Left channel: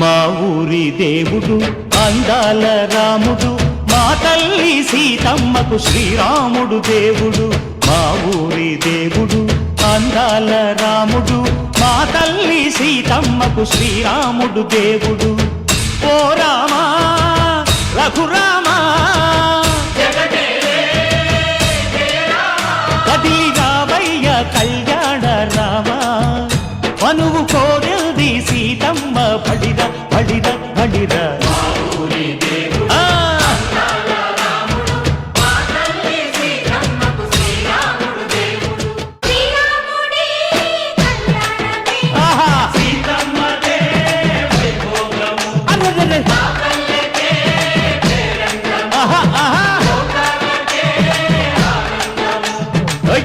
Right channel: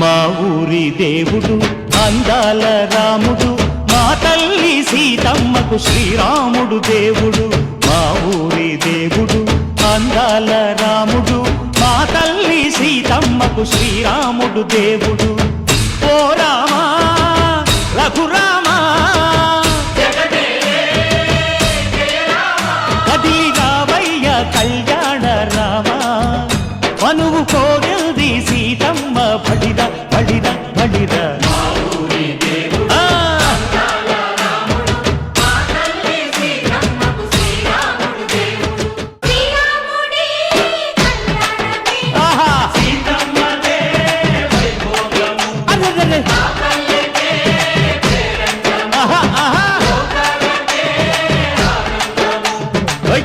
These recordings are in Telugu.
మా ఊరి దేవుడు అందాల రాముడు, మా తల్లి సీతమ్మకు శ్రీరాముడు దేవుడు. మా ఊరి దేవుడు అందాల రాముడు, మా తల్లి సీతమ్మకు శ్రీరాముడు దేవుడు. ఓ రామా రఘురామా కదిలి రావయ్య కళ్యాణ రామా, మనువు కోరెల్ది సీతమ్మ బడిర బడిర బడిర.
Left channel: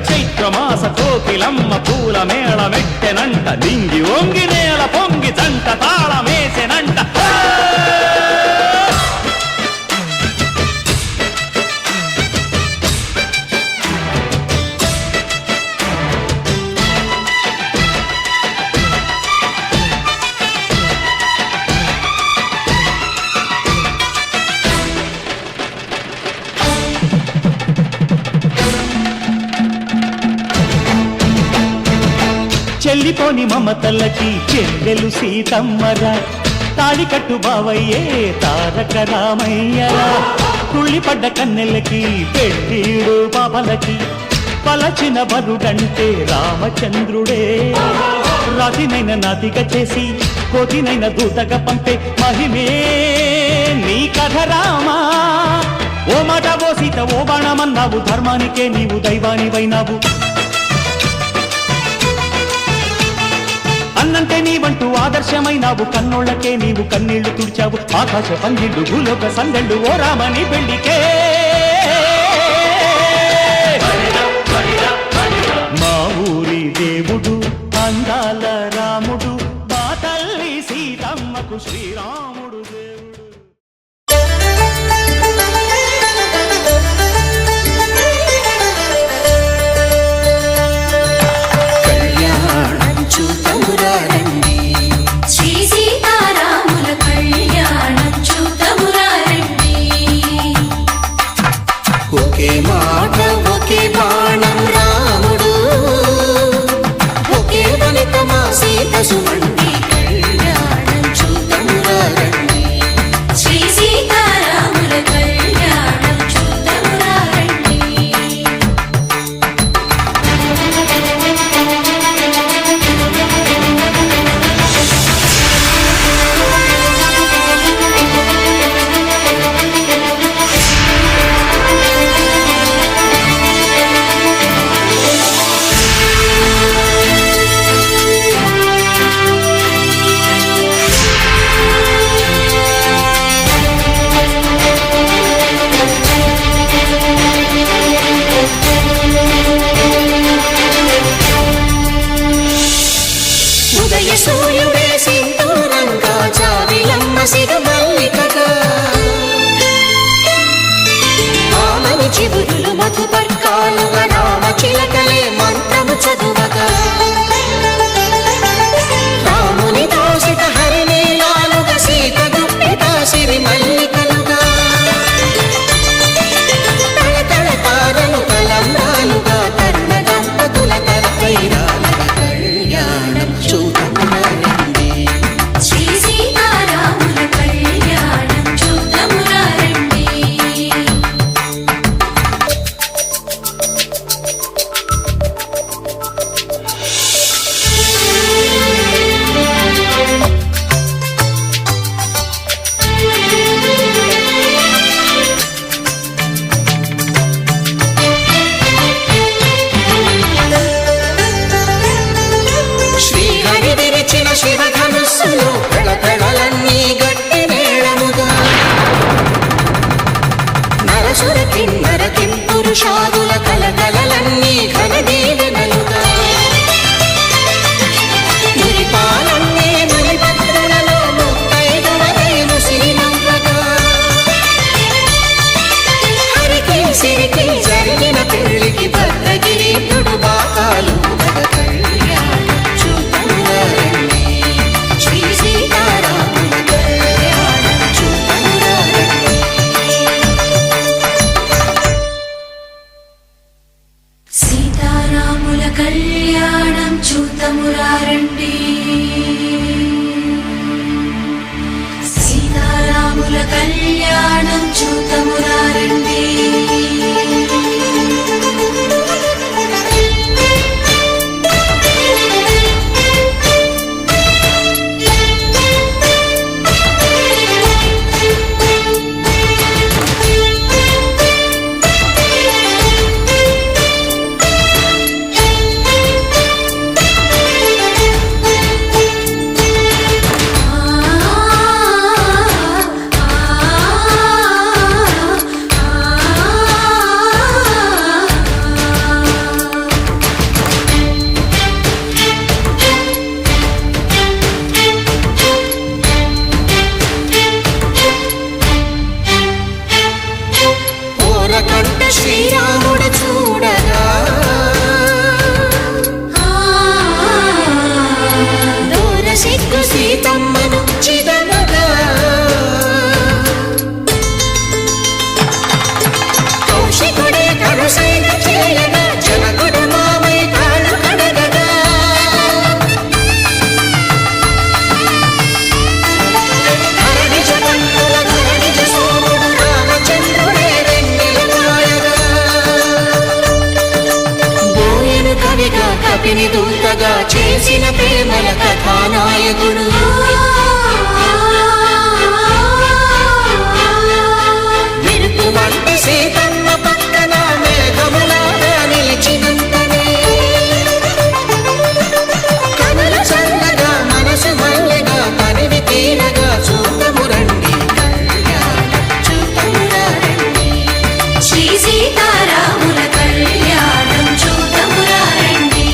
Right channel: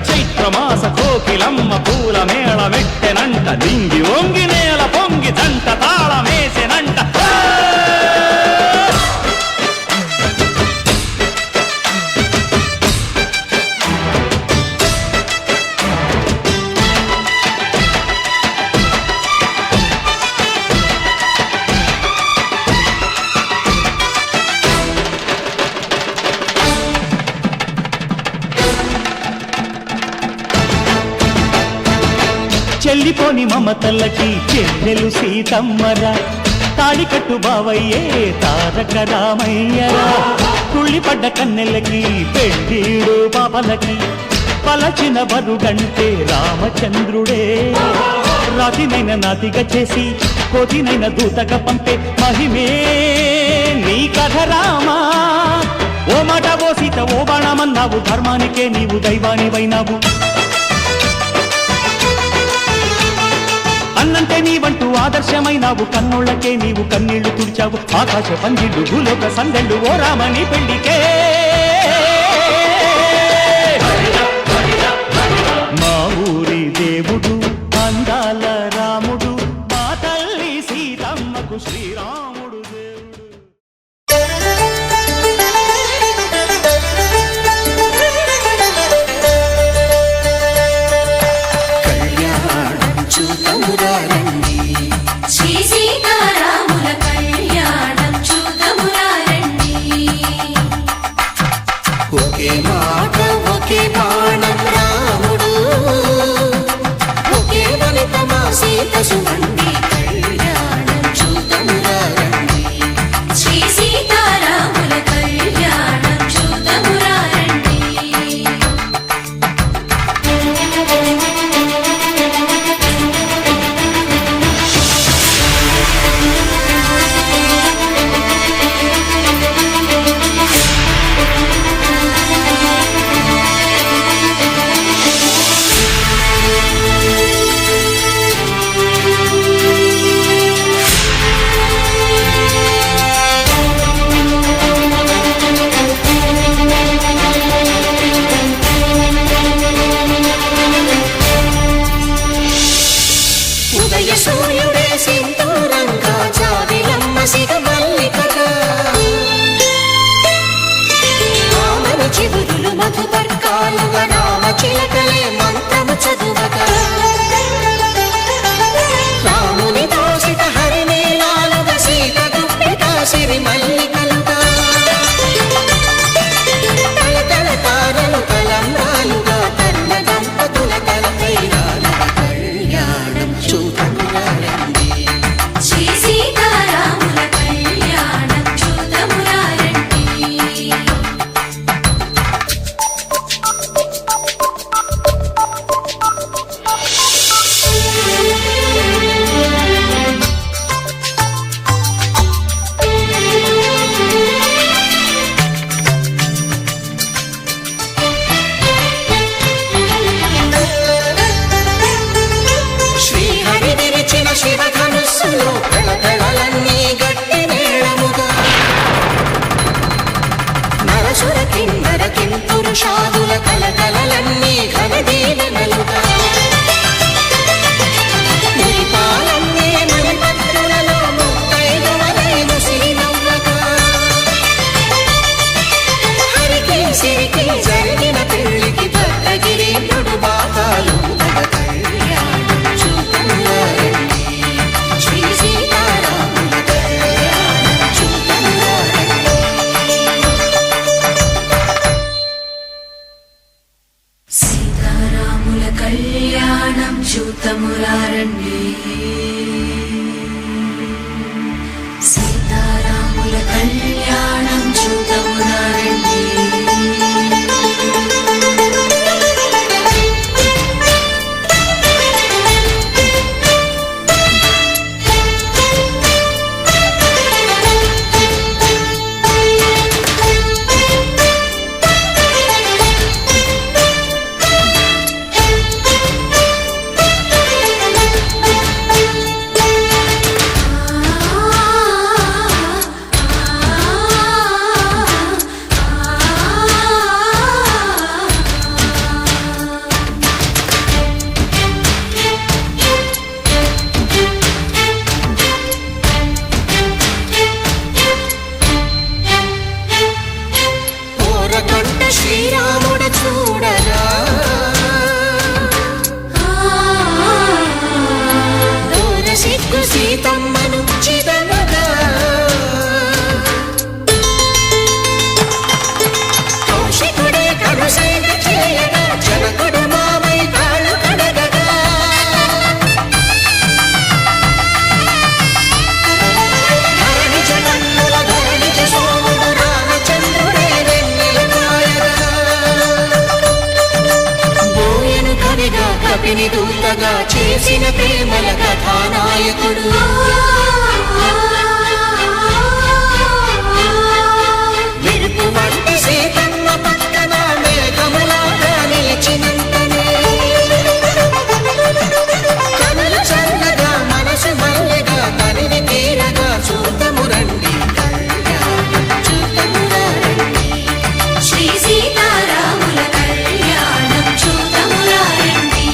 చైత్రమాస కోకిలమ్మ పూల మేళ మెట్టెనంట, దింగి వంగి నేల పొంగి జంట తాళమేసెనంట. చెల్లిపోని మమతలకి చెల్లెలు సీతమ్మరా, తాళికట్టు బావయ్యే తారక రామయ్యరా. తుళ్ళిపడ్డ కన్నెలకి పెళ్ళీడు పాపలకి పలచిన బరుడంటే రామచంద్రుడే. రాతినైన నాతిగా చేసి కోతినైన దూతగా పంపే మహిమే నీ కథ రామా. ఓ మాట ఓ సీత ఓ బాణమన్నావు, ధర్మానికే నీవు దైవానివైనావు. అన్నంటే నీవంటూ ఆదర్శమైనావు, కన్నోళ్ళకే నీవు కన్నీళ్లు తుడిచావు. ఆకాశ పందిళ్ళు భూలోక సందళ్ళు ఓ రామని పెళ్లికే. మా ఊరి దేవుడు అందాల రాముడు, మా తల్లి సీతమ్మకు శ్రీరాముడు దేవుడు. చూతమురారండి శ్రీ సీతారాముల కళ్యాణం చూతమురారండి. ఒకే మాట ఒకే బాణం రాముడు, ఒకే వనిత మా సీత సుమండి కళ్యాణం చూతమురారండి. శ్రీ సీతారాముల కళ్యాణం చూతమురారండి. ఉదయ సూర్యుడే సింధూరంగా, జాబిలమ్మ సిగమల్లికగా, ఆమని చివురులు మధుపర్కాలుగా, రామ చిలకలే మంత్రము చదువగా, రాముని దోసిట హరినీలాలుగా, సీత గుప్పిట సిరి మల్లికలుగా, తల తల తారలు తలంబ్రాలుగా, తరుణ దంపతుల తలపై రాలగా కళ్యాణం చూతమురారండి. శ్రీ సీతారాముల కళ్యాణం చూతమురారండి. శ్రీహరి విరిచిన శివధనుస్సులు పెళపెళలన్నీ గట్టి మేళముగా, నరసుర కిన్నర కింపురుషాదుల కలకలలన్నీ ఘన దీవెనలుగా, మురిపాలన్నీ మణిపత్రులలో ముత్తైదువలే ముసిరి నవ్వగా, హరికి సిరికి జరిగిన పెళ్లికి భద్రగిరి బాకాలు కళ్యాణం చూతమురారండి. శ్రీ సీతారాముల కళ్యాణం చూతమురారండి సీతారాముల కళ్యాణం చూతమురారండి కంట శ్రీరాముడు చూడగా దూర సిగ్గు సీతమ్మను చిదమగా కౌశికుడే కరుసైన చేయగా జనకుడు మామై కాళ్ళు కడగగా ధరణి జగన్నుల ధరణిజ సోముడు రామచంద్రుడే కవిగా కపిని దూతగా చేసిన ప్రేమల కథానాయకుడు విరుపు వంటి సీతమ్మ పక్కన మేఘములాగా నిలిచినంతనే కనులు చల్లగా మనసు మల్లెగా తనివి తీరగా చూతము రండి కళ్యాణం చూతమురా రండి శ్రీ సీతారాముల కళ్యాణం చూతమురా రండి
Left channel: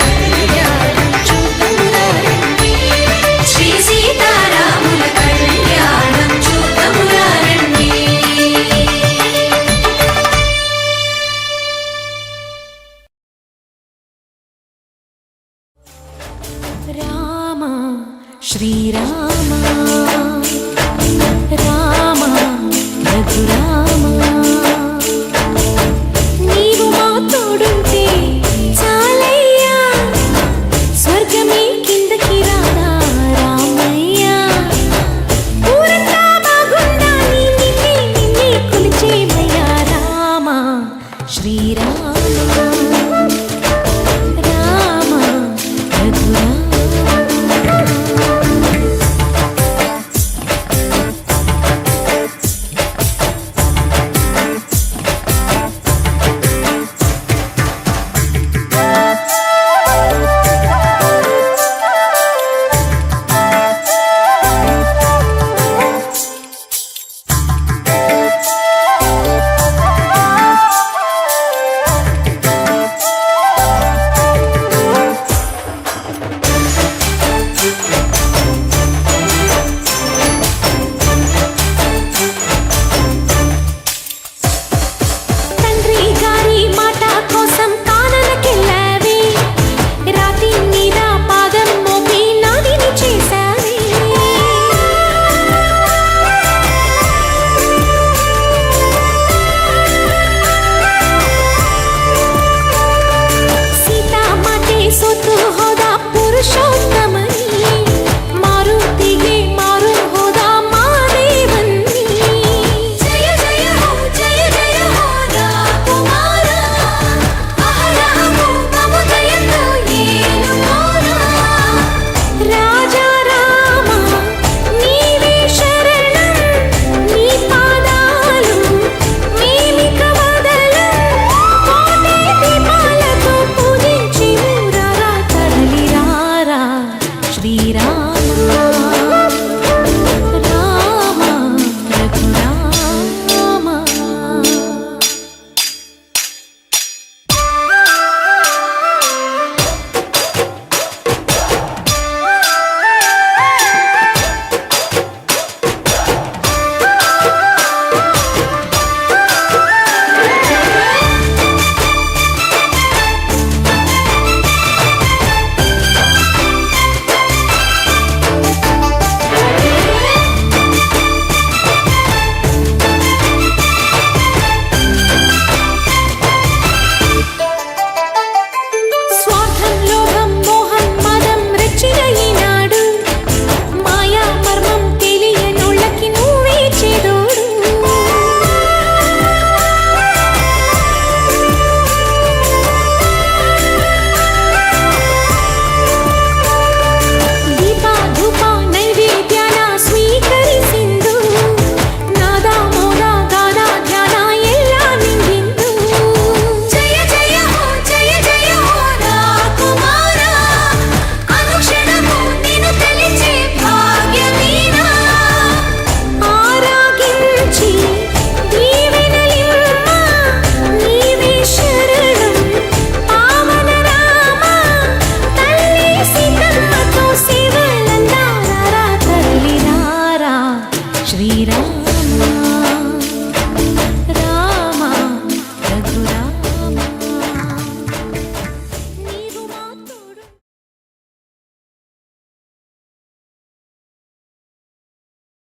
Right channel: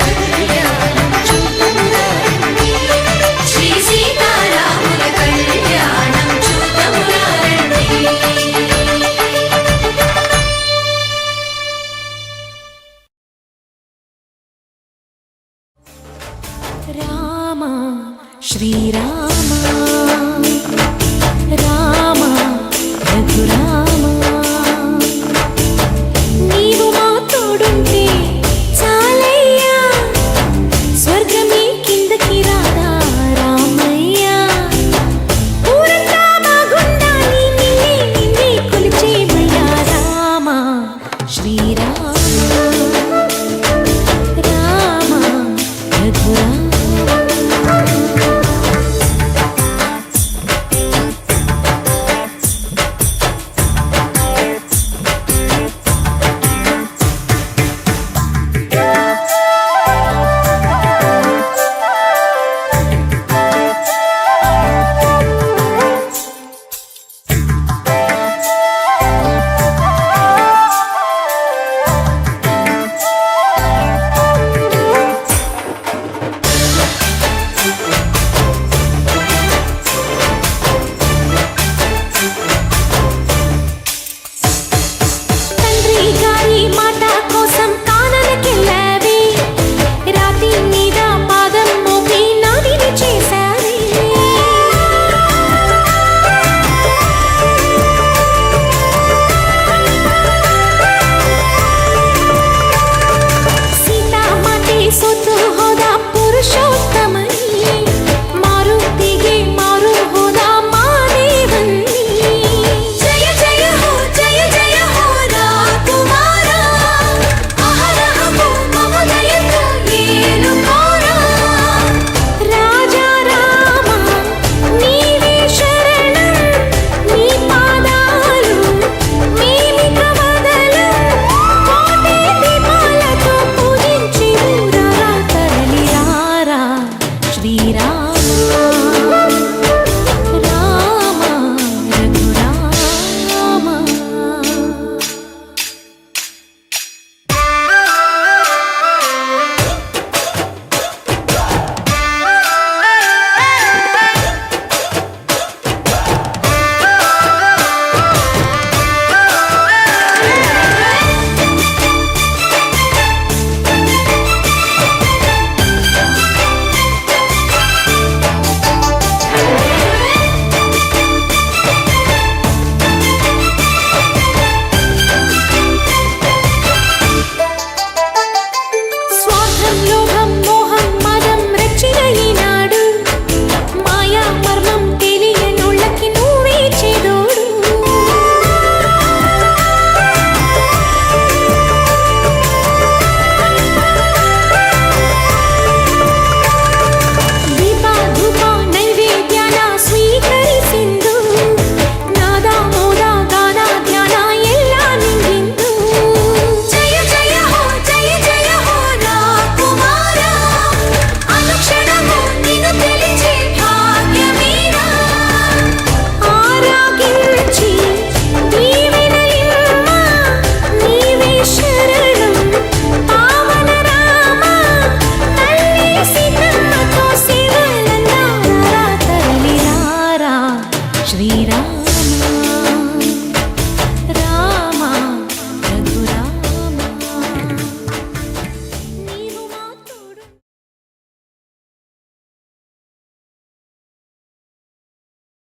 కళ్యాణం చూతమురా రండి శ్రీ సీతారాముల కళ్యాణం చూతమురా రండి రామ శ్రీరామ రామ రఘురామ నీవు మా తోడుంటే చాలయ్యా స్వర్గమే కిందకి రాదా రామయ్యా ఊరంతా బాగుండాలి నిన్నే నిన్నే కొలిచేమయ్యా రామ శ్రీరామ రామ రఘురామ రామా